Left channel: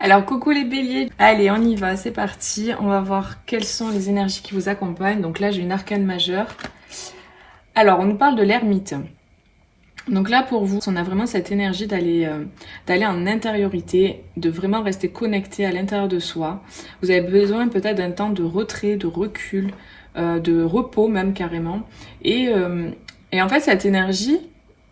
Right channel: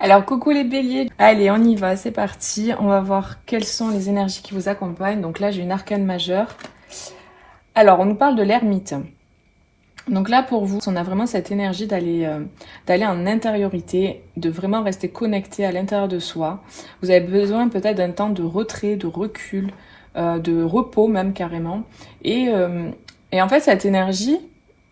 Alors coucou les béliers, allez on y va, c'est parti, on va voir quelles sont les énergies qui vous accompagnent. Donc là j'ai une arcane majeure. Alors on nous parle de l'ermite. Donc là pour vous, on a vraiment cette énergie d'aller en intériorité, de vraiment rester connecté à l'intérieur de soi. Vous avez besoin peut-être d'un temps de retrait, de recul, de repos même carrément. Et en fait cette énergie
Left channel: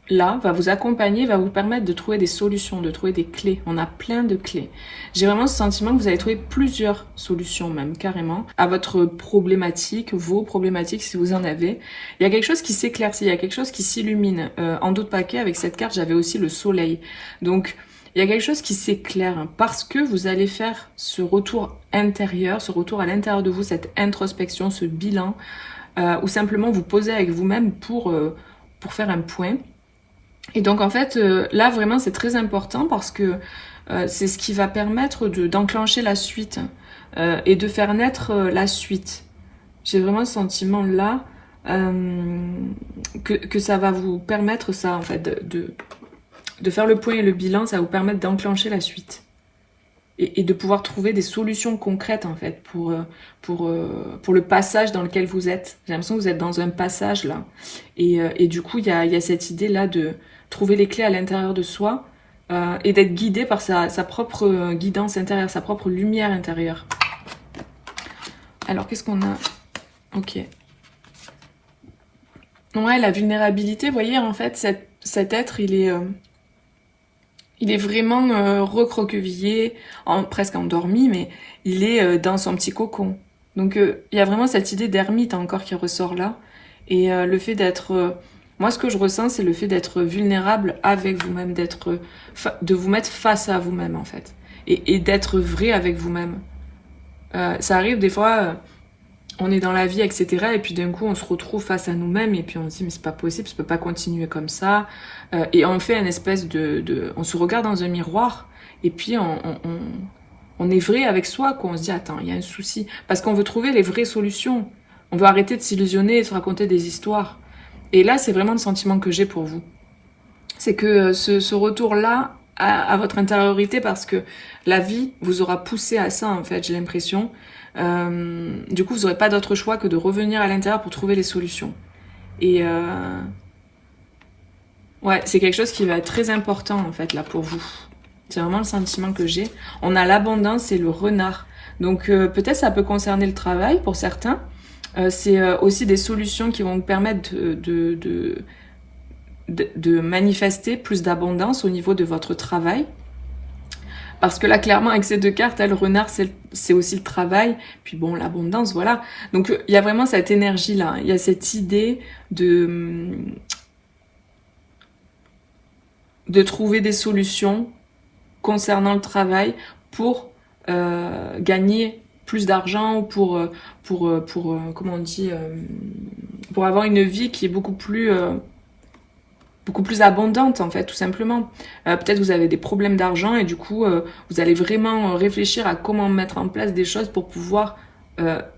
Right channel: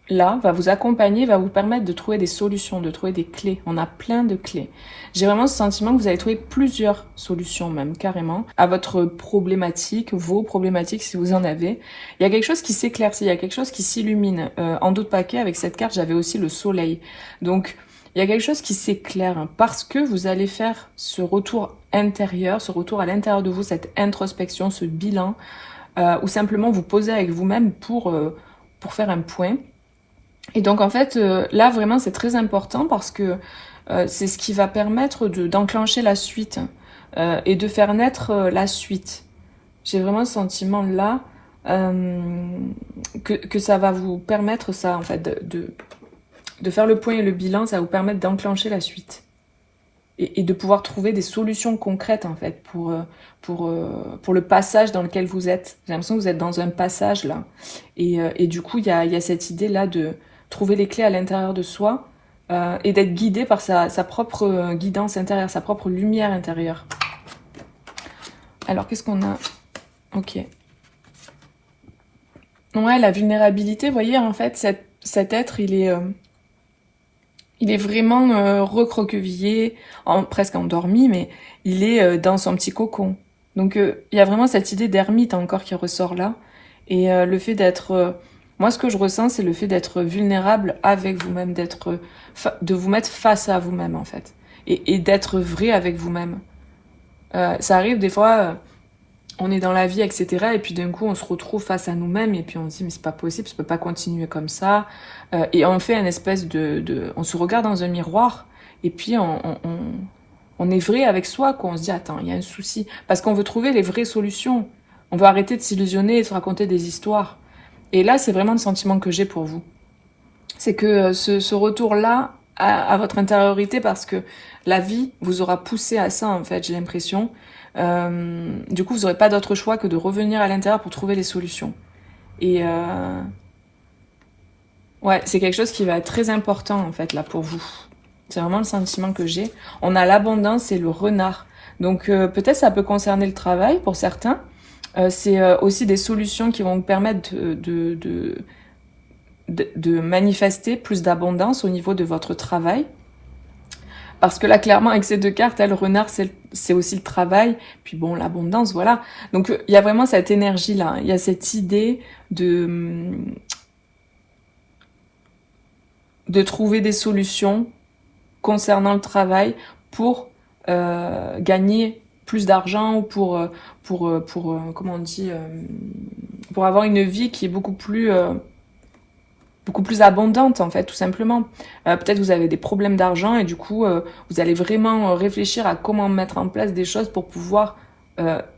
là va vous accompagner, va vous permettre de trouver des solutions, de trouver des clés. On a plein de clés. J'ai vraiment ce sentiment que vous allez trouver plusieurs solutions même, carrément, à votre problématique, vos problématiques si vous en avez. Il y a quelque chose qui s'éclaircit, il y a quelque chose qui s'illumine. En d'autres paquets, avec cette carte, j'avais aussi le soleil. Donc, il y a quelque chose qui s'éclaire hein, parce que vous allez faire ce retour intérieur, ce retour à l'intérieur de vous, cette introspection, ce bilan, ou simplement vous poser avec vous-même pour faire un point. Et donc en fait, là vraiment c'est très important parce que c'est ce qui va permettre d'enclencher la suite et de faire naître la suite. J'ai vraiment ce sentiment là que ça va vous permettre ça en fait, de faire le point et le bilan, ça va vous permettre d'enclencher la suite. Et de pouvoir trouver des solutions concrètes en fait pour le passage dans lequel vous êtes. J'ai l'impression que vous êtes dans un passage là. Et du coup, il y a cette idée là de trouver les clés à l'intérieur de soi et d'être guidé par sa propre guidance intérieure, sa propre lumière intérieure. Alors, qu'est-ce qu'on a? Ok. Ouais, la vulnérabilité, vous voyez, en fait, cet être, il est vraiment recroquevillé, presque endormi, mais il est dans son petit cocon. Donc, il y a vraiment cette idée d'ermite encore qui ressort là. Et le fait d'être... moi, ce que je ressens, c'est le fait d'être vulnérable avec vous-même, de vous mettre face à vous-même, en fait. Et d'être vrai avec vous-même. Ça arrive des fois, on est dans la vie, etc. Et puis d'un coup, on se retrouve face à nous-mêmes et puis on se dit, mais c'est pas possible, je peux pas continuer comme ça. Et on fait une espèce on se regarde dans un miroir et puis on est vrai avec soi, quoi. On se dit, attends, il y a un souci. Parce qu'on veut trouver les vraies solutions. On veut arrêter de s'illusionner et de se raconter des histoires. Et là, c'est vraiment le sentiment que j'ai pour vous. C'est que ce retour-là à votre intériorité, parce que la vie vous aura poussé à ça, en fait, j'ai l'impression. Du coup, vous n'aurez pas d'autre choix que de revenir à l'intérieur pour trouver les solutions. Et ouais, c'est quelque chose qui va être très important, en fait, là, pour vous. C'est vraiment le sentiment que j'ai. On a l'abondance et le renard. Donc, peut-être ça peut concerner le travail pour certains. C'est aussi des solutions qui vont vous permettre de manifester plus d'abondance au niveau de votre travail. Parce que là, clairement, avec ces deux cartes, le renard, c'est aussi le travail. Puis bon, l'abondance, voilà. Donc, il y a vraiment cette énergie-là. Il y a cette idée de trouver des solutions concernant le travail pour gagner plus d'argent ou comment on dit, pour avoir une vie qui est beaucoup plus abondante en fait, tout simplement. Peut-être vous avez des problèmes d'argent et du coup vous allez vraiment réfléchir à comment mettre en place des choses pour pouvoir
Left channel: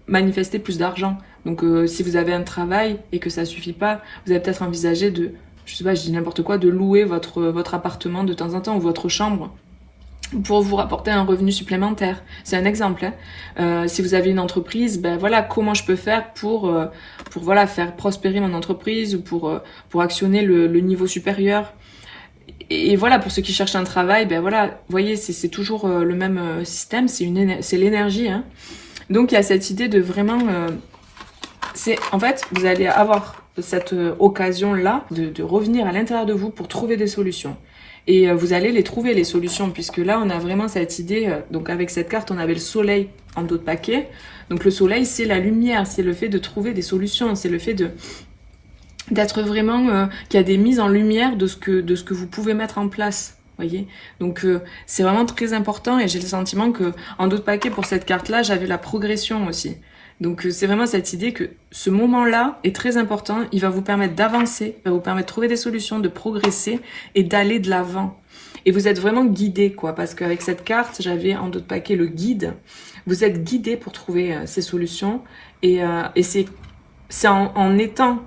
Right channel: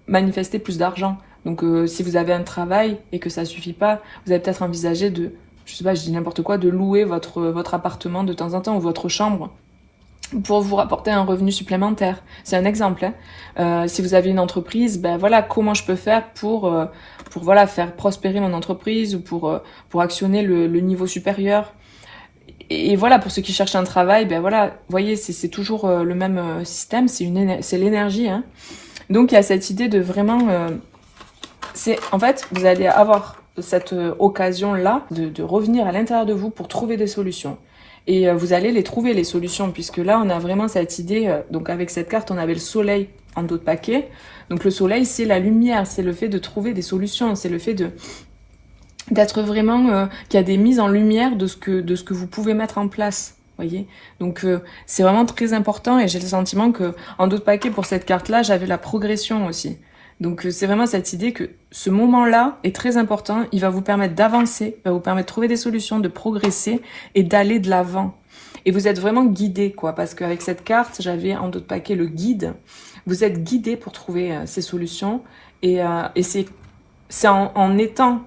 manifester plus d'argent. Donc si vous avez un travail et que ça suffit pas, vous allez peut-être envisager je sais pas, je dis n'importe quoi, de louer votre appartement de temps en temps ou votre chambre pour vous rapporter un revenu supplémentaire. C'est un exemple. Hein. Si vous avez une entreprise, ben voilà, comment je peux faire pour voilà faire prospérer mon entreprise ou pour actionner le niveau supérieur. Et voilà, pour ceux qui cherchent un travail, ben voilà, vous voyez, c'est toujours le même système, c'est l'énergie. Hein. Donc il y a cette idée de vraiment, en fait, vous allez avoir cette occasion-là de revenir à l'intérieur de vous pour trouver des solutions. Et vous allez les trouver, les solutions, puisque là, on a vraiment cette idée, donc avec cette carte, on avait le soleil en d'autres paquets. Donc le soleil, c'est la lumière, c'est le fait de trouver des solutions, c'est le fait d'être vraiment, qu'il y a des mises en lumière de ce que vous pouvez mettre en place. Voyez, donc c'est vraiment très important et j'ai le sentiment que en d'autres paquets pour cette carte-là, j'avais la progression aussi. Donc c'est vraiment cette idée que ce moment-là est très important, il va vous permettre d'avancer, va vous permettre de trouver des solutions, de progresser et d'aller de l'avant. Et vous êtes vraiment guidé, quoi, parce qu'avec cette carte, j'avais en d'autres paquets le guide. Vous êtes guidé pour trouver ces solutions et c'est en étant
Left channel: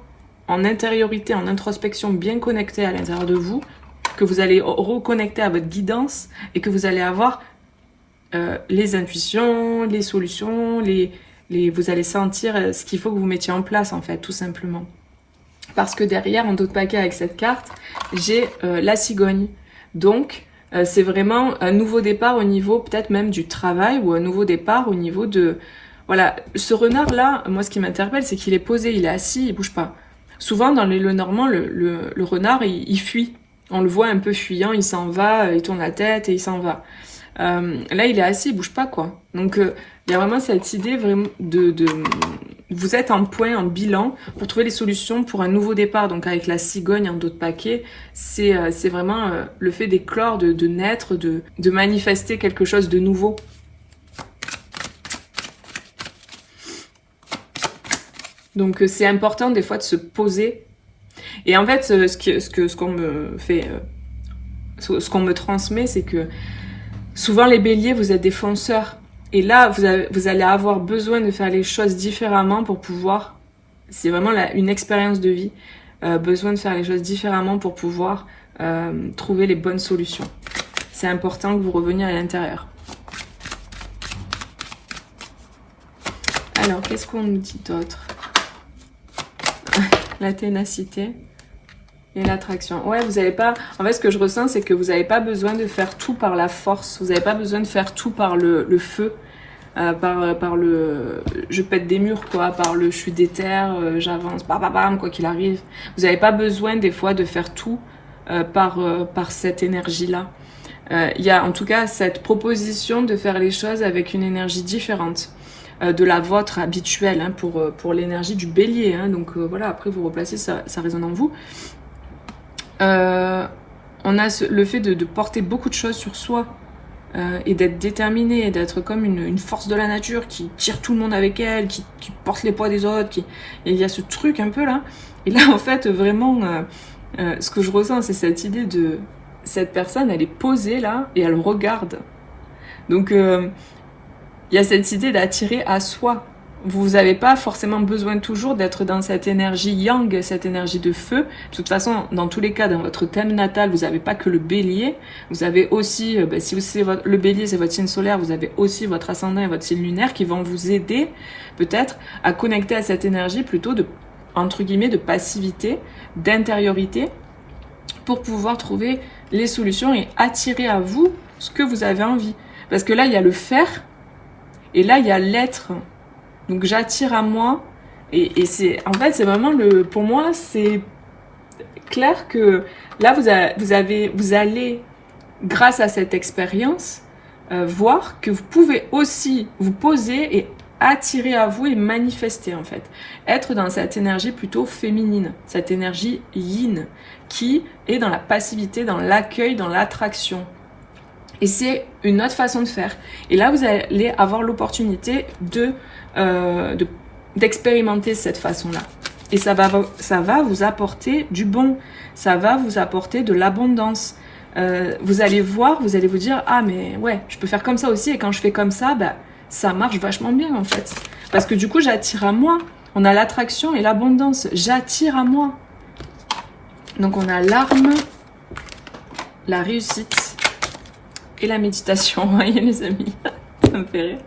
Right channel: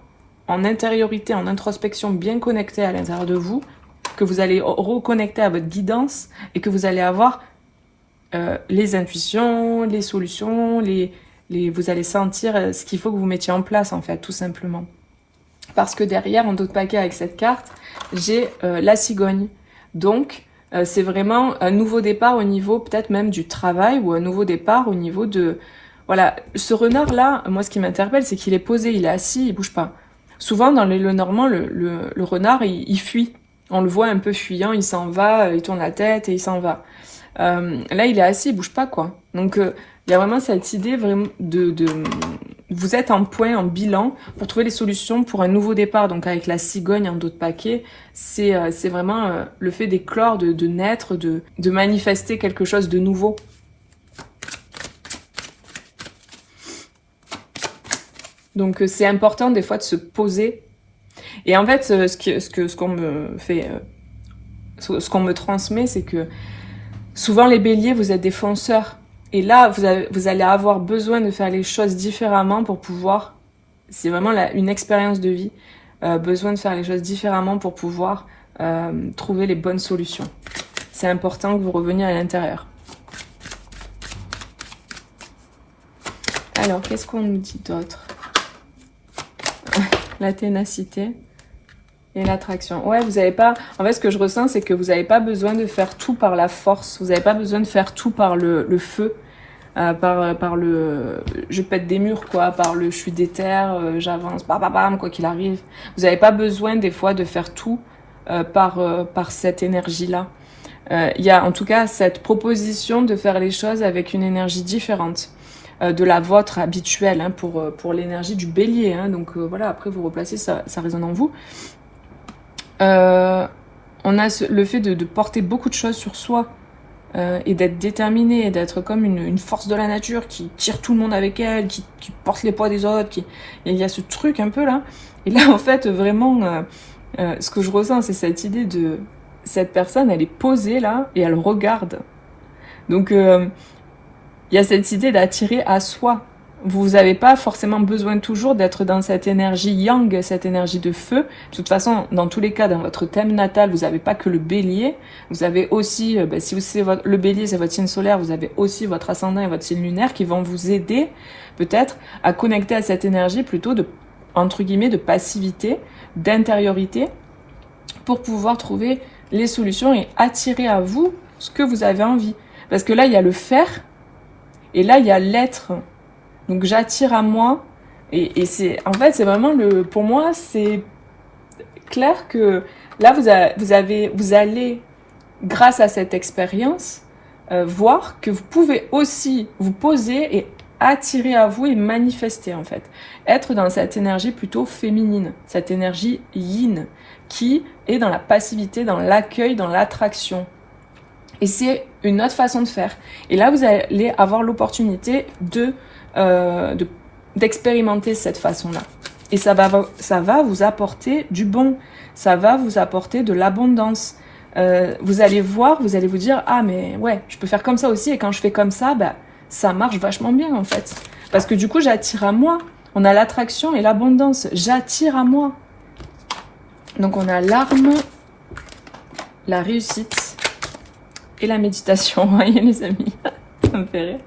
en intériorité, en introspection bien connecté à l'intérieur de vous que vous allez reconnecter à votre guidance et que vous allez avoir les intuitions, les solutions, vous allez sentir ce qu'il faut que vous mettiez en place en fait, tout simplement. Parce que derrière, en dos de paquet avec cette carte, j'ai la cigogne. Donc, c'est vraiment un nouveau départ au niveau peut-être même du travail ou un nouveau départ au niveau de... Voilà, ce renard-là, moi ce qui m'interpelle, c'est qu'il est posé, il est assis, il bouge pas. Souvent, dans les Lenormand, le renard, il fuit. On le voit un peu fuyant, il s'en va, il tourne la tête et il s'en va. Là, il est assis, il bouge pas, quoi. Donc, il y a vraiment cette idée vraiment de vous êtes en point, en bilan, pour trouver les solutions pour un nouveau départ. Donc, avec la cigogne en dos de paquet, c'est vraiment le fait d'éclore, de naître, de manifester quelque chose de nouveau. Donc, c'est important des fois de se poser. Et en fait, ce qu'on me fait, ce qu'on me transmet, c'est que souvent les béliers, vous êtes des fonceurs. Et là, vous allez avoir besoin de faire les choses différemment pour pouvoir... C'est vraiment une expérience de vie. Besoin de faire les choses différemment pour pouvoir trouver les bonnes solutions. C'est important que vous reveniez à l'intérieur. Alors, qu'est-ce qu'on nous dit d'autre? La ténacité et l'attraction. Ouais, vous n'avez pas... En fait, ce que je ressens, c'est que vous n'avez pas besoin de faire tout par la force. Vous n'avez pas besoin de faire tout par le feu. Par le... Je pète des murs, quoi. Par le... Je suis déter, j'avance, bam, quoi qu'il arrive. Vous n'avez pas besoin, des fois, de faire tout par cette énergie-là. Il y a, en tout cas, cette proposition de faire les choses avec une énergie différente de la vôtre habituelle, hein, pour l'énergie du bélier. Hein. Donc, voilà, après, vous replacez, ça résonne en vous. On a le fait de porter beaucoup de choses sur soi et d'être déterminé, d'être comme une force de la nature qui tire tout le monde avec elle, qui porte les poids des autres. Et il y a ce truc un peu là. Et là, en fait, vraiment, ce que je ressens, c'est cette idée de... Cette personne, elle est posée là et elle regarde. Donc, il y a cette idée d'attirer à soi. Vous n'avez pas forcément besoin toujours d'être dans cette énergie yang, cette énergie de feu. De toute façon, dans tous les cas, dans votre thème natal, vous n'avez pas que le bélier. Vous avez aussi, si le bélier, c'est votre signe solaire, vous avez aussi votre ascendant et votre signe lunaire qui vont vous aider peut-être à connecter à cette énergie plutôt de, entre guillemets, de passivité, d'intériorité pour pouvoir trouver les solutions et attirer à vous ce que vous avez envie. Parce que là, il y a le faire et là, il y a l'être. Donc j'attire à moi et c'est en fait c'est vraiment pour moi c'est clair que là vous allez grâce à cette expérience voir que vous pouvez aussi vous poser et attirer à vous et manifester en fait, être dans cette énergie plutôt féminine, cette énergie yin qui est dans la passivité, dans l'accueil, dans l'attraction. Et c'est une autre façon de faire. Et là, vous allez avoir l'opportunité d'expérimenter cette façon-là. Et ça va vous apporter du bon. Ça va vous apporter de l'abondance. Vous allez voir, vous allez vous dire, ah mais ouais, je peux faire comme ça aussi. Et quand je fais comme ça, bah, ça marche vachement bien en fait. Parce que du coup, j'attire à moi. On a l'attraction et l'abondance. J'attire à moi. Donc on a l'arme, la réussite et la méditation, vous voyez les amis, ça me fait rire.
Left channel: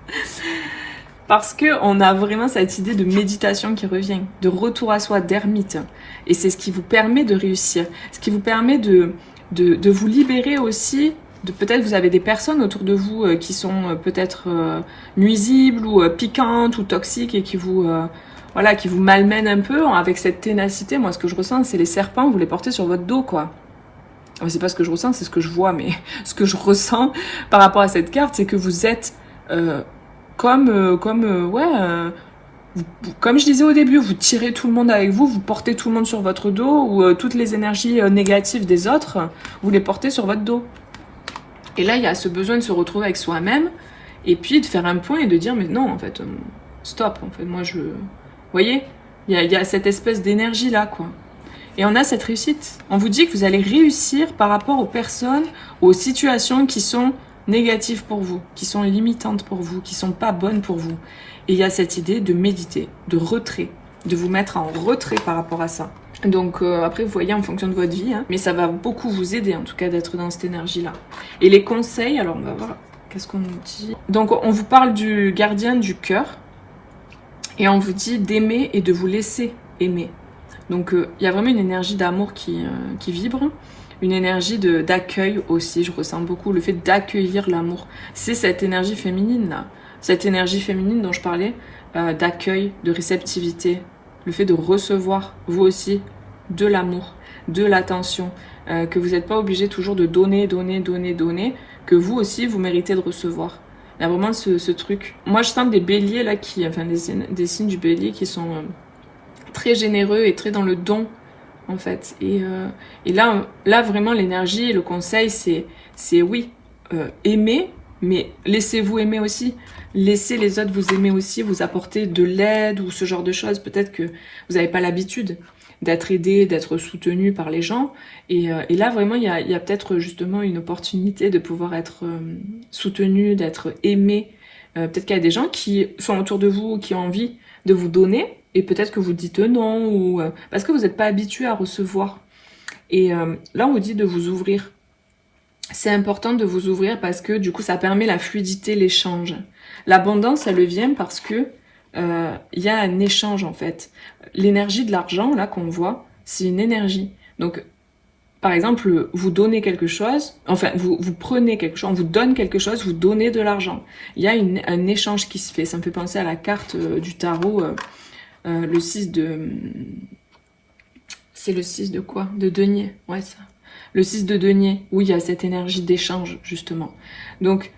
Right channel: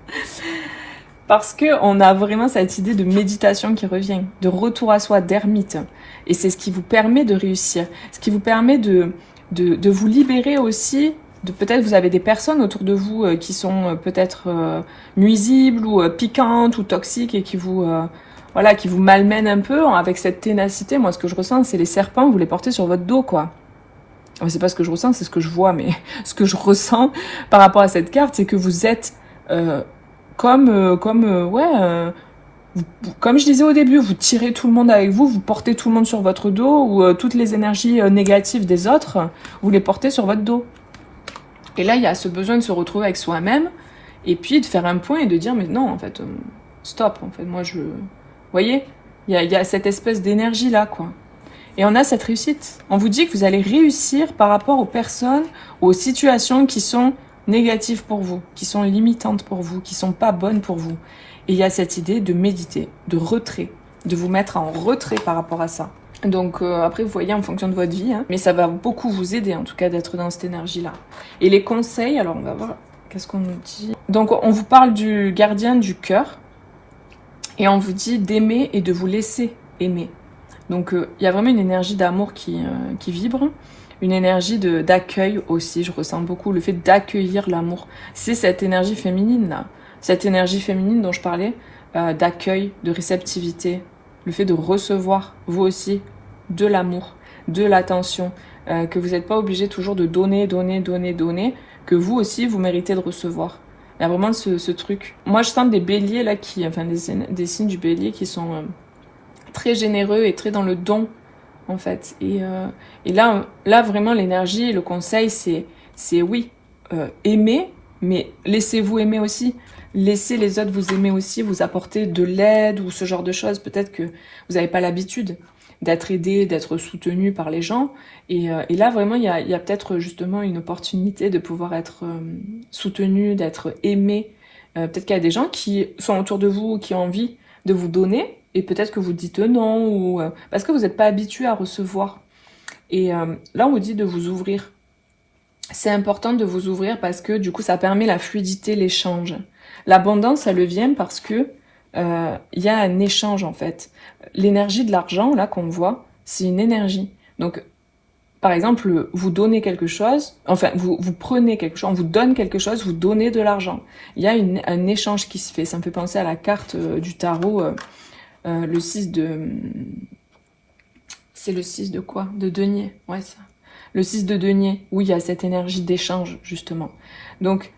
Parce qu'on a vraiment cette idée de méditation qui revient, de retour à soi, d'ermite. Et c'est ce qui vous permet de réussir, ce qui vous permet de vous libérer aussi, de peut-être vous avez des personnes autour de vous qui sont peut-être nuisibles ou piquantes ou toxiques et qui vous malmènent un peu avec cette ténacité. Moi, ce que je ressens, c'est les serpents, vous les portez sur votre dos, quoi. C'est pas ce que je ressens, c'est ce que je vois, mais ce que je ressens par rapport à cette carte, c'est que vous êtes comme je disais au début, vous tirez tout le monde avec vous, vous portez tout le monde sur votre dos, ou toutes les énergies négatives des autres, vous les portez sur votre dos. Et là, il y a ce besoin de se retrouver avec soi-même, et puis de faire un point et de dire, mais non, en fait, stop, en fait, moi Vous voyez, il y a cette espèce d'énergie-là, quoi. Et on a cette réussite. On vous dit que vous allez réussir par rapport aux personnes, aux situations qui sont négatives pour vous, qui sont limitantes pour vous, qui sont pas bonnes pour vous. Et il y a cette idée de méditer, de retrait, de vous mettre en retrait par rapport à ça. Donc après, vous voyez en fonction de votre vie, hein, mais ça va beaucoup vous aider en tout cas d'être dans cette énergie-là. Et les conseils, alors on va voir qu'est-ce qu'on nous dit? Donc on vous parle du gardien du cœur et on vous dit d'aimer et de vous laisser aimer. Donc il y a vraiment une énergie d'amour qui vibre, une énergie d'accueil aussi, je ressens beaucoup le fait d'accueillir l'amour. C'est cette énergie féminine là, cette énergie féminine dont je parlais, d'accueil, de réceptivité, le fait de recevoir vous aussi de l'amour, de l'attention, que vous n'êtes pas obligé toujours de donner, que vous aussi vous méritez de recevoir. Il y a vraiment ce truc. Moi je sens des béliers là des signes du bélier qui sont très généreux et très dans le don en fait. Et là vraiment l'énergie, le conseil c'est oui, aimer, mais laissez-vous aimer aussi. Laissez les autres vous aimer aussi, vous apporter de l'aide ou ce genre de choses. Peut-être que vous n'avez pas l'habitude d'être aidé, d'être soutenu par les gens. Et là, vraiment, il y a peut-être justement une opportunité de pouvoir être soutenu, d'être aimé. Peut-être qu'il y a des gens qui sont autour de vous, qui ont envie de vous donner, et peut-être que vous dites non, ou parce que vous n'êtes pas habitué à recevoir. Et là, on vous dit de vous ouvrir. C'est important de vous ouvrir parce que du coup, ça permet la fluidité, l'échange. L'abondance, elle vient parce que il y a un échange en fait. L'énergie de l'argent, là, qu'on voit, c'est une énergie. Donc, par exemple, vous donnez quelque chose, enfin, vous prenez quelque chose, on vous donne quelque chose, vous donnez de l'argent. Il y a un échange qui se fait. Ça me fait penser à la carte du tarot, le 6 de... C'est le 6 de quoi? De denier, ouais, ça. Le 6 de denier, où il y a cette énergie d'échange, justement. Donc,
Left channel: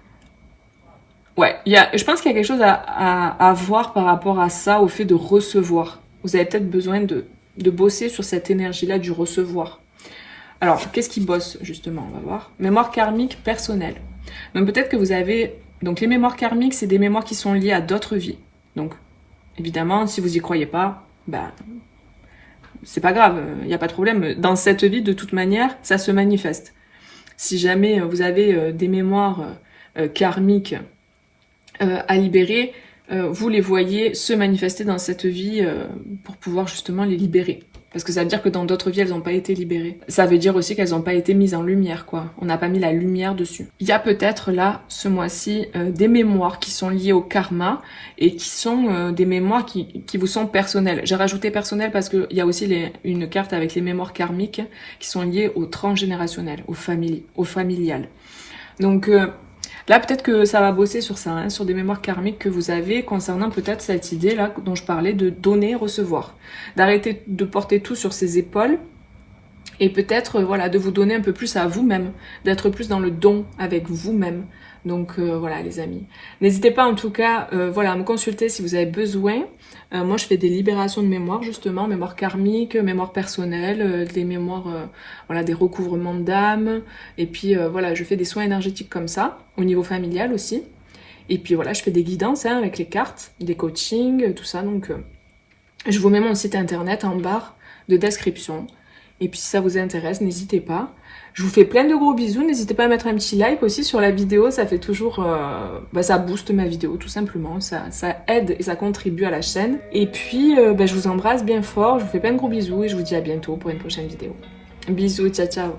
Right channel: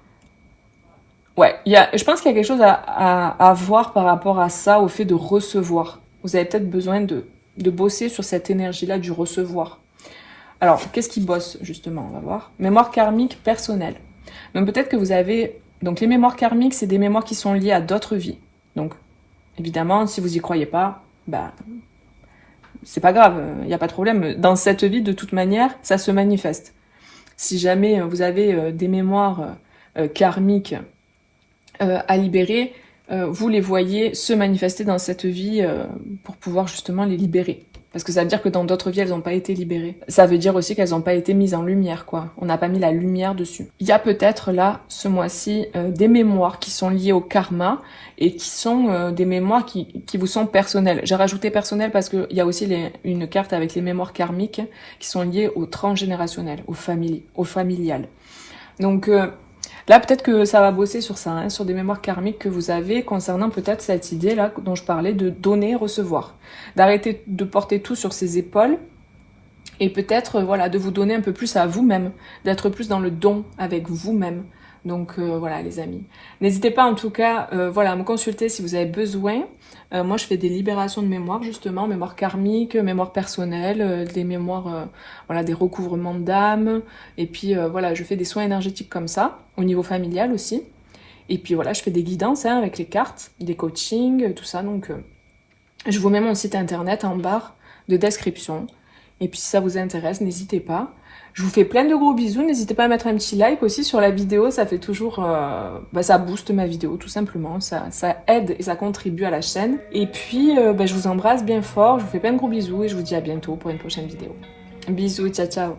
ouais, je pense qu'il y a quelque chose à voir par rapport à ça, au fait de recevoir. Vous avez peut-être besoin de bosser sur cette énergie-là du recevoir. Alors, qu'est-ce qui bosse, justement? On va voir. Mémoire karmique personnelle. Donc, peut-être que vous avez... Donc, les mémoires karmiques, c'est des mémoires qui sont liées à d'autres vies. Donc, évidemment, si vous y croyez pas, bah... c'est pas grave, il n'y a pas de problème. Dans cette vie, de toute manière, ça se manifeste. Si jamais vous avez des mémoires karmiques à libérer, vous les voyez se manifester dans cette vie pour pouvoir justement les libérer. Parce que ça veut dire que dans d'autres vies, elles n'ont pas été libérées. Ça veut dire aussi qu'elles n'ont pas été mises en lumière, quoi. On n'a pas mis la lumière dessus. Il y a peut-être là, ce mois-ci, des mémoires qui sont liées au karma et qui sont des mémoires qui vous sont personnelles. J'ai rajouté personnel parce qu'il y a aussi une carte avec les mémoires karmiques qui sont liées au transgénérationnel, au familial. Donc... là, peut-être que ça va bosser sur ça, hein, sur des mémoires karmiques que vous avez concernant peut-être cette idée-là dont je parlais de donner, recevoir. D'arrêter de porter tout sur ses épaules et peut-être voilà, de vous donner un peu plus à vous-même, d'être plus dans le don avec vous-même. Donc voilà les amis. N'hésitez pas en tout cas voilà, à me consulter si vous avez besoin. Moi je fais des libérations de mémoire justement, mémoire karmique, mémoire personnelle, des mémoires, voilà, des recouvrements d'âme. Et puis voilà, je fais des soins énergétiques comme ça, au niveau familial aussi. Et puis voilà, je fais des guidances hein, avec les cartes, des coachings, tout ça. Donc je vous mets mon site internet en barre de description. Et puis si ça vous intéresse, n'hésitez pas. Je vous fais plein de gros bisous. N'hésitez pas à mettre un petit like aussi sur la vidéo. Ça fait toujours... ça booste ma vidéo tout simplement. Ça aide et ça contribue à la chaîne. Et puis je vous embrasse bien fort. Je vous fais plein de gros bisous et je vous dis à bientôt pour une prochaine vidéo. Bisous, ciao ciao.